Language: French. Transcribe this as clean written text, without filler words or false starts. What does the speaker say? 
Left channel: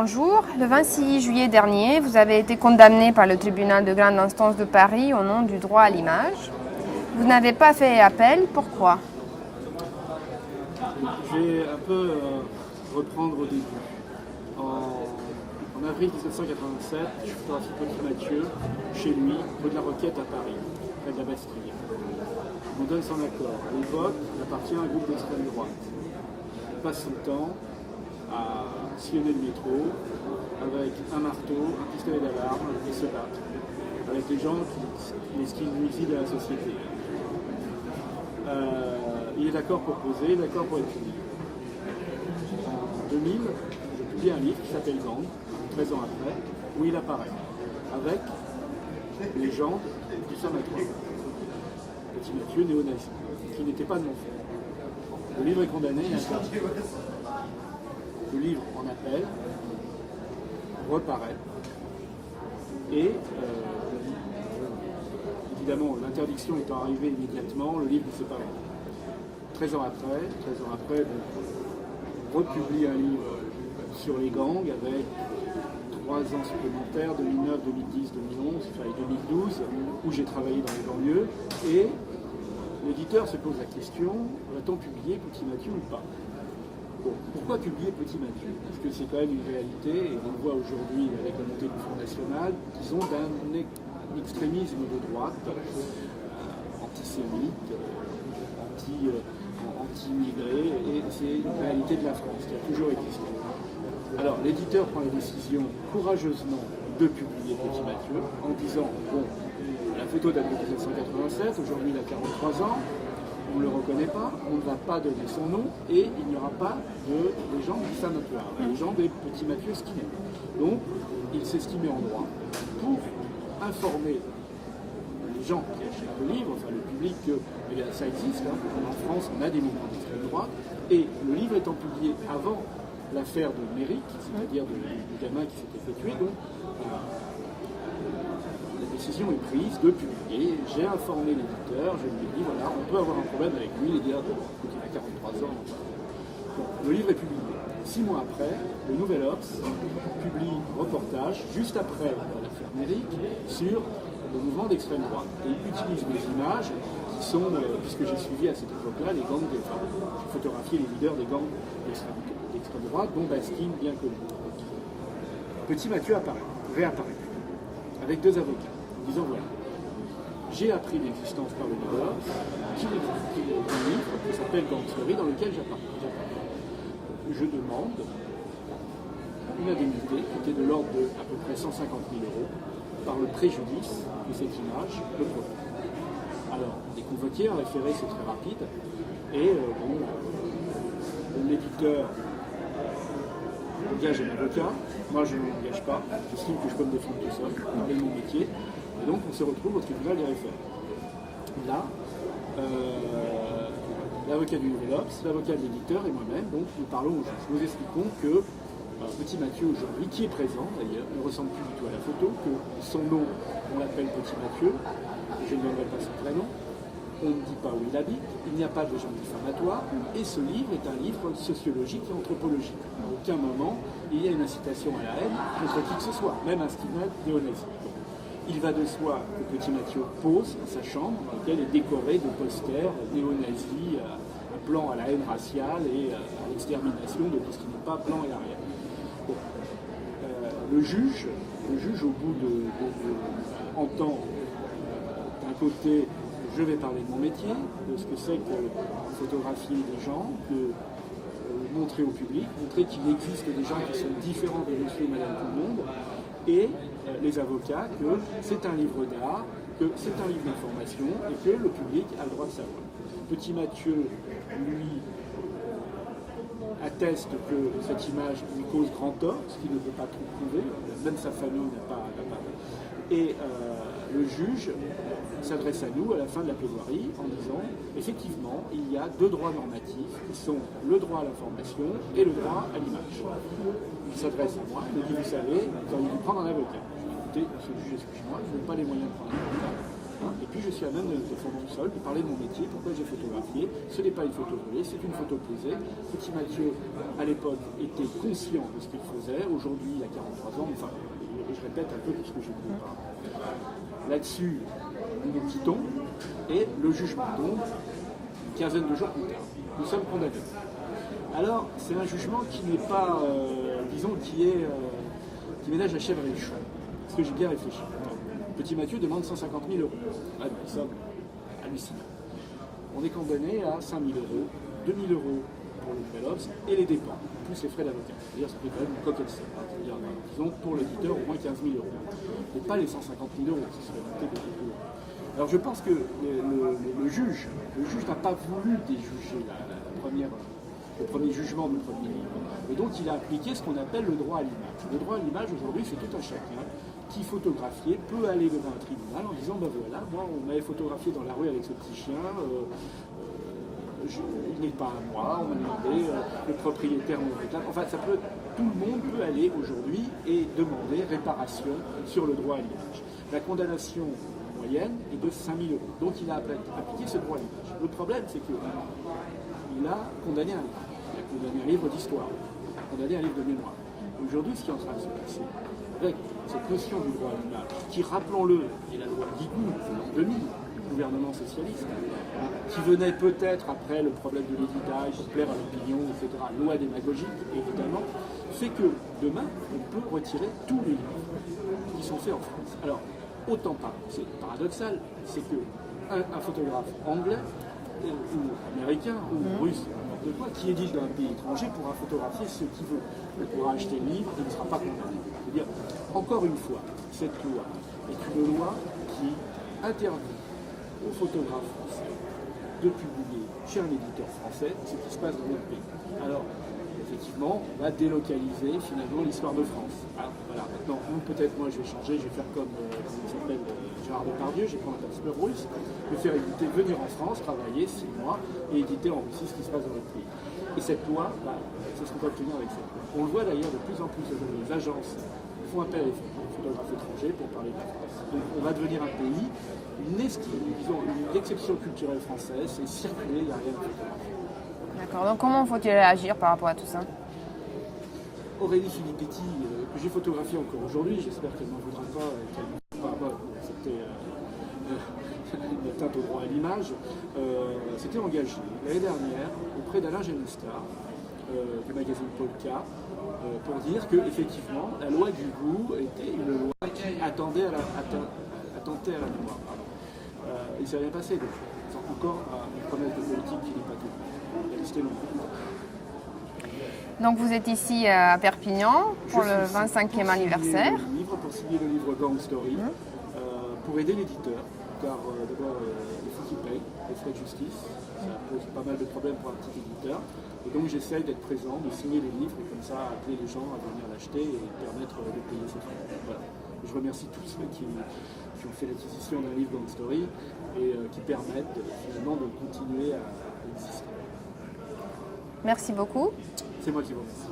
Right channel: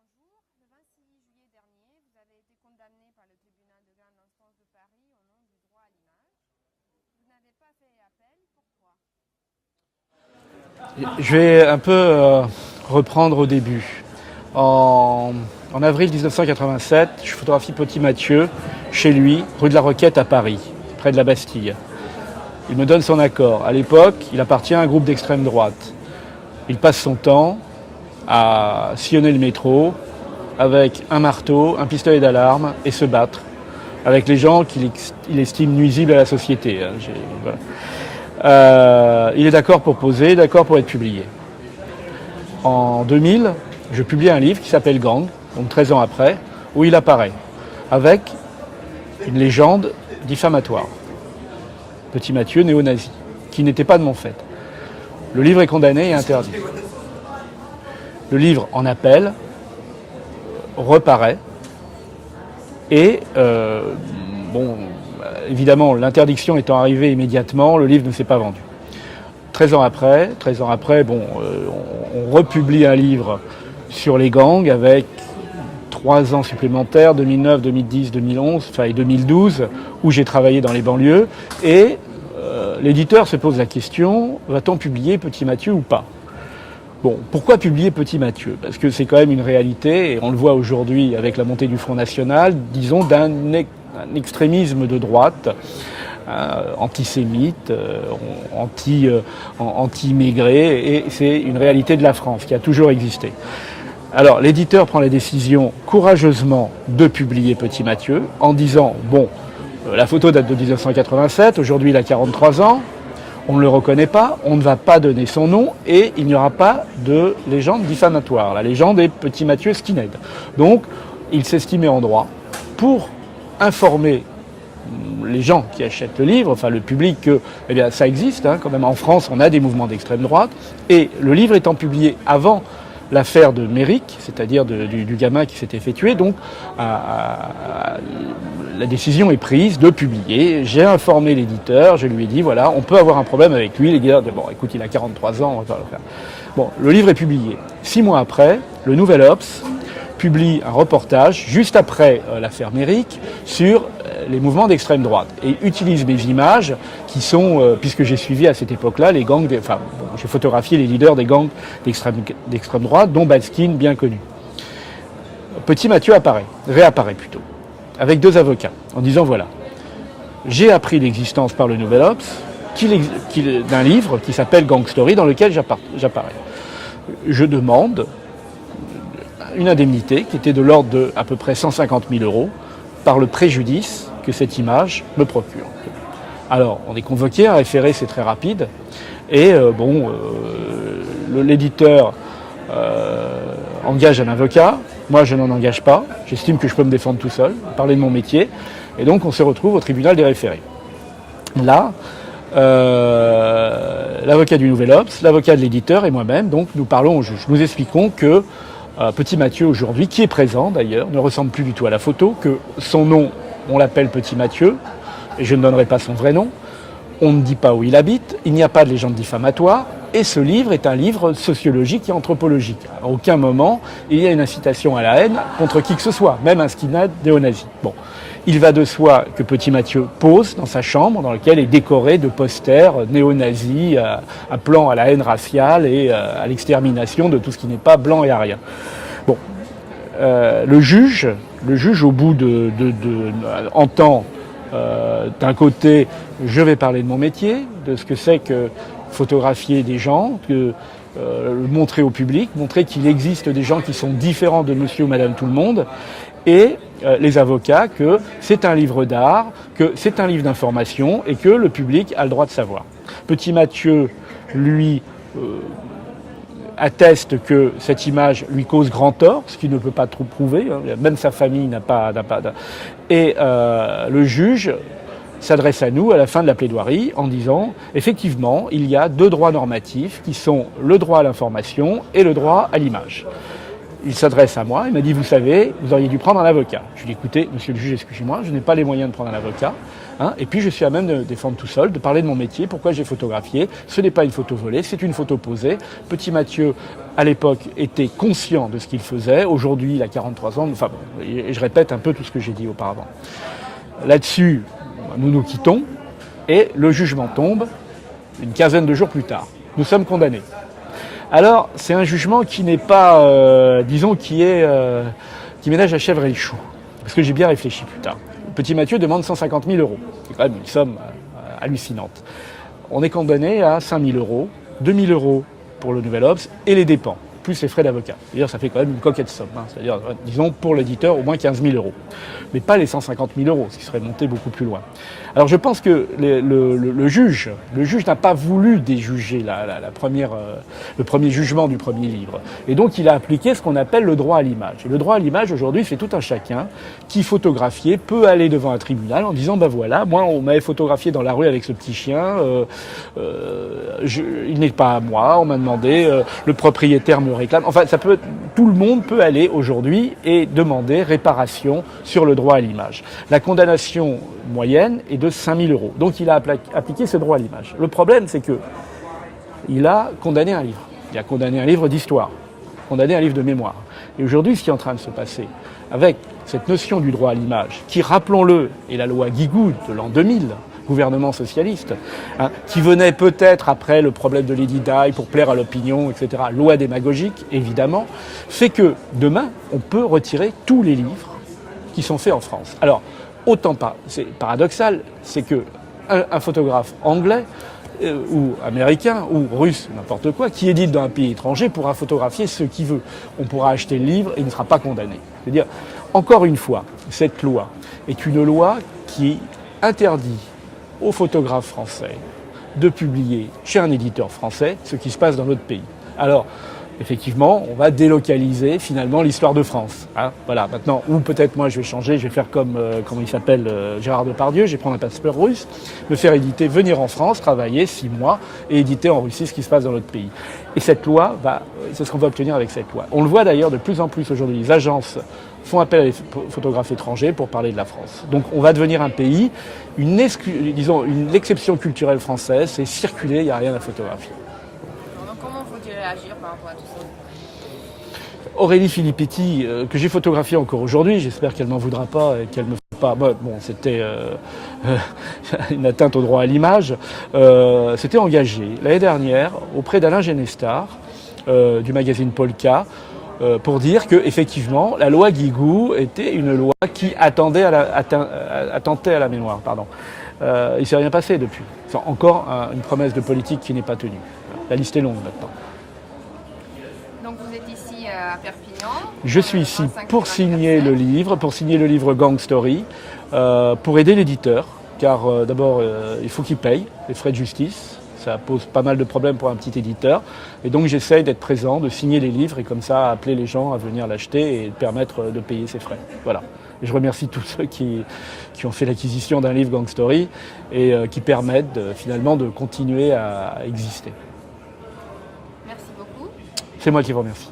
bonjour. Le 26 juillet dernier, vous avez été condamné par le tribunal de grande instance de Paris au nom du droit à l'image. Vous n'avez pas fait appel, pourquoi? Je vais un peu reprendre au début. En avril 1987, je photographie Petit Mathieu chez lui, rue de la Roquette à Paris, près de la Bastille. Il me donne son accord. À l'époque, il appartient à un groupe d'extrême droite. Il passe son temps à sillonner le métro avec un marteau, un pistolet d'alarme et se battre avec les gens qu'il estime nuisibles à la société. Voilà. Il est d'accord pour poser, d'accord pour être publié. En 2000, je publie un livre qui s'appelle Gang, donc 13 ans après, où il apparaît avec une légende diffamatoire. Petit Mathieu, néo-nazi, qui n'était pas de mon fait. Le livre est condamné et interdit. Le livre en appel reparaît et, évidemment, l'interdiction étant arrivée immédiatement, le livre ne s'est pas vendu. 13 ans après, on republie un livre sur les gangs avec 3 ans supplémentaires, 2009, 2010, 2011, et 2012, où j'ai travaillé dans les banlieues. Et l'éditeur se pose la question, va-t-on publier Petit Mathieu ou pas ? Bon, pourquoi publier Petit Mathieu ? Parce que c'est quand même une réalité, et on le voit aujourd'hui avec la montée du Front National, disons d'un extrémisme de droite, antisémite, anti-immigré, et c'est une réalité de la France qui a toujours existé. Alors l'éditeur prend la décision courageusement de publier Petit Mathieu en disant, la photo date de 1987, aujourd'hui il a 43 ans, on ne le reconnaît pas, on ne va pas donner son nom et il n'y aura pas de légende diffamatoire. La légende est Petit Mathieu skinhead. Donc il s'estimait en droit pour informer les gens qui achètent le livre, le public, que ça existe, quand même en France on a des mouvements d'extrême droite, et le livre étant publié avant l'affaire de Méric, c'est-à-dire du gamin qui s'était fait tuer, donc la décision est prise de publier. J'ai informé l'éditeur, je lui ai dit, voilà, on peut avoir un problème avec lui. L'éditeur dit, écoute, il a 43 ans, on va le faire. Bon, le livre est publié. 6 mois après, le Nouvel Obs publie un reportage, juste après l'affaire Méric, sur les mouvements d'extrême droite, et utilise mes images qui sont, puisque j'ai suivi à cette époque-là les gangs, j'ai photographié les leaders des gangs d'extrême droite, dont Batskin, bien connu. Petit Mathieu réapparaît plutôt, avec 2 avocats, en disant voilà, j'ai appris l'existence par le Nouvel Obs d'un livre qui s'appelle Gang Story, dans lequel j'apparais. Je demande une indemnité qui était de l'ordre de à peu près 150 000 € par le préjudice que cette image me procure. Alors, on est convoqué, un référé, c'est très rapide, et l'éditeur engage un avocat, moi je n'en engage pas, j'estime que je peux me défendre tout seul, parler de mon métier, et donc on se retrouve au tribunal des référés. Là, l'avocat du Nouvel Obs, l'avocat de l'éditeur et moi-même, donc nous parlons au juge. Nous expliquons que Petit Mathieu aujourd'hui, qui est présent d'ailleurs, ne ressemble plus du tout à la photo, que son nom, on l'appelle Petit Mathieu, et je ne donnerai pas son vrai nom, on ne dit pas où il habite, il n'y a pas de légende diffamatoire, et ce livre est un livre sociologique et anthropologique. À aucun moment, il y a une incitation à la haine contre qui que ce soit, même un skinhead néo-nazi. Bon. Il va de soi que Petit Mathieu pose dans sa chambre, dans laquelle est décoré de posters néo-nazis, appelant à la haine raciale et à l'extermination de tout ce qui n'est pas blanc et arien. Bon. Le juge, au bout entend d'un côté, je vais parler de mon métier, de ce que c'est que photographier des gens, montrer au public, montrer qu'il existe des gens qui sont différents de monsieur ou madame tout le monde, et les avocats que c'est un livre d'art, que c'est un livre d'information et que le public a le droit de savoir. Petit Mathieu, lui, atteste que cette image lui cause grand tort, ce qu'il ne peut pas trop prouver, même sa famille n'a pas. Et le juge s'adresse à nous à la fin de la plaidoirie en disant effectivement, il y a 2 droits normatifs qui sont le droit à l'information et le droit à l'image. Il s'adresse à moi, il m'a dit vous savez, vous auriez dû prendre un avocat. Je lui ai dit écoutez, monsieur le juge, excusez-moi, je n'ai pas les moyens de prendre un avocat. hein. Et puis je suis à même de défendre tout seul, de parler de mon métier, pourquoi j'ai photographié. Ce n'est pas une photo volée, c'est une photo posée. Petit Mathieu, à l'époque, était conscient de ce qu'il faisait. Aujourd'hui, il a 43 ans, enfin, et je répète un peu tout ce que j'ai dit auparavant. Là-dessus, nous nous quittons et le jugement tombe une quinzaine de jours plus tard. Nous sommes condamnés. Alors, c'est un jugement qui n'est pas, disons, qui ménage la chèvre et le chou. Parce que j'ai bien réfléchi plus tard. Petit Mathieu demande 150 000 euros. C'est quand même une somme hallucinante. On est condamné à 5 000 euros, 2 000 euros pour le Nouvel Obs et les dépens, plus les frais d'avocat. C'est-à-dire ça fait quand même une coquette somme. Hein. C'est-à-dire, disons, pour l'éditeur, au moins 15 000 euros. Mais pas les 150 000 euros, ce qui serait monté beaucoup plus loin. Alors je pense que le juge n'a pas voulu déjuger le premier jugement du premier livre. Et donc il a appliqué ce qu'on appelle le droit à l'image. Et le droit à l'image, aujourd'hui, c'est tout un chacun qui, photographié, peut aller devant un tribunal en disant, ben voilà, moi on m'avait photographié dans la rue avec ce petit chien, il n'est pas à moi, on m'a demandé, le propriétaire me réclame. Enfin, tout le monde peut aller aujourd'hui et demander réparation sur le droit à l'image. La condamnation moyenne est de 5 000 euros. Donc il a appliqué ce droit à l'image. Le problème, c'est qu'il a condamné un livre. Il a condamné un livre d'histoire, condamné un livre de mémoire. Et aujourd'hui, ce qui est en train de se passer avec cette notion du droit à l'image, qui, rappelons-le, est la loi Guigou de l'an 2000, gouvernement socialiste, hein, qui venait peut-être après le problème de Lady Di pour plaire à l'opinion, etc., loi démagogique, évidemment, fait que demain, on peut retirer tous les livres qui sont faits en France. Alors, autant pas, c'est paradoxal, c'est qu'un photographe anglais ou américain ou russe, n'importe quoi, qui édite dans un pays étranger pourra photographier ce qu'il veut. On pourra acheter le livre et il ne sera pas condamné. C'est-à-dire, encore une fois, cette loi est une loi qui interdit aux photographes français de publier chez un éditeur français ce qui se passe dans notre pays. Alors, effectivement, on va délocaliser finalement l'histoire de France. Hein, voilà, maintenant, ou peut-être moi je vais changer, je vais faire comme, comment il s'appelle, Gérard Depardieu, je vais prendre un passeport russe, me faire éditer, venir en France, travailler 6 mois et éditer en Russie ce qui se passe dans notre pays. Et cette loi, c'est ce qu'on va obtenir avec cette loi. On le voit d'ailleurs de plus en plus aujourd'hui, les agences font appel à des photographes étrangers pour parler de la France. Donc on va devenir un pays, une exception culturelle française, c'est circuler, il n'y a rien à photographier. Alors, donc comment faut-il agir par rapport à tout ça ? Aurélie Filippetti, que j'ai photographiée encore aujourd'hui, j'espère qu'elle ne m'en voudra pas et qu'elle ne me fait pas. Bon, c'était une atteinte au droit à l'image. S'était engagée l'année dernière auprès d'Alain Genestar du magazine Polka pour dire qu'effectivement la loi Guigou était une loi qui attentait à la mémoire. Pardon. Il ne s'est rien passé depuis. C'est encore une promesse de politique qui n'est pas tenue. La liste est longue maintenant. Donc vous êtes ici à Perpignan. Je suis ici pour signer le livre Gang Story, pour aider l'éditeur, car d'abord il faut qu'il paye les frais de justice. Ça pose pas mal de problèmes pour un petit éditeur. Et donc j'essaye d'être présent, de signer les livres et comme ça appeler les gens à venir l'acheter et permettre de payer ses frais. Voilà. Et je remercie tous ceux qui ont fait l'acquisition d'un livre Gang Story et qui permettent finalement de continuer à exister. Merci beaucoup. C'est moi qui vous remercie.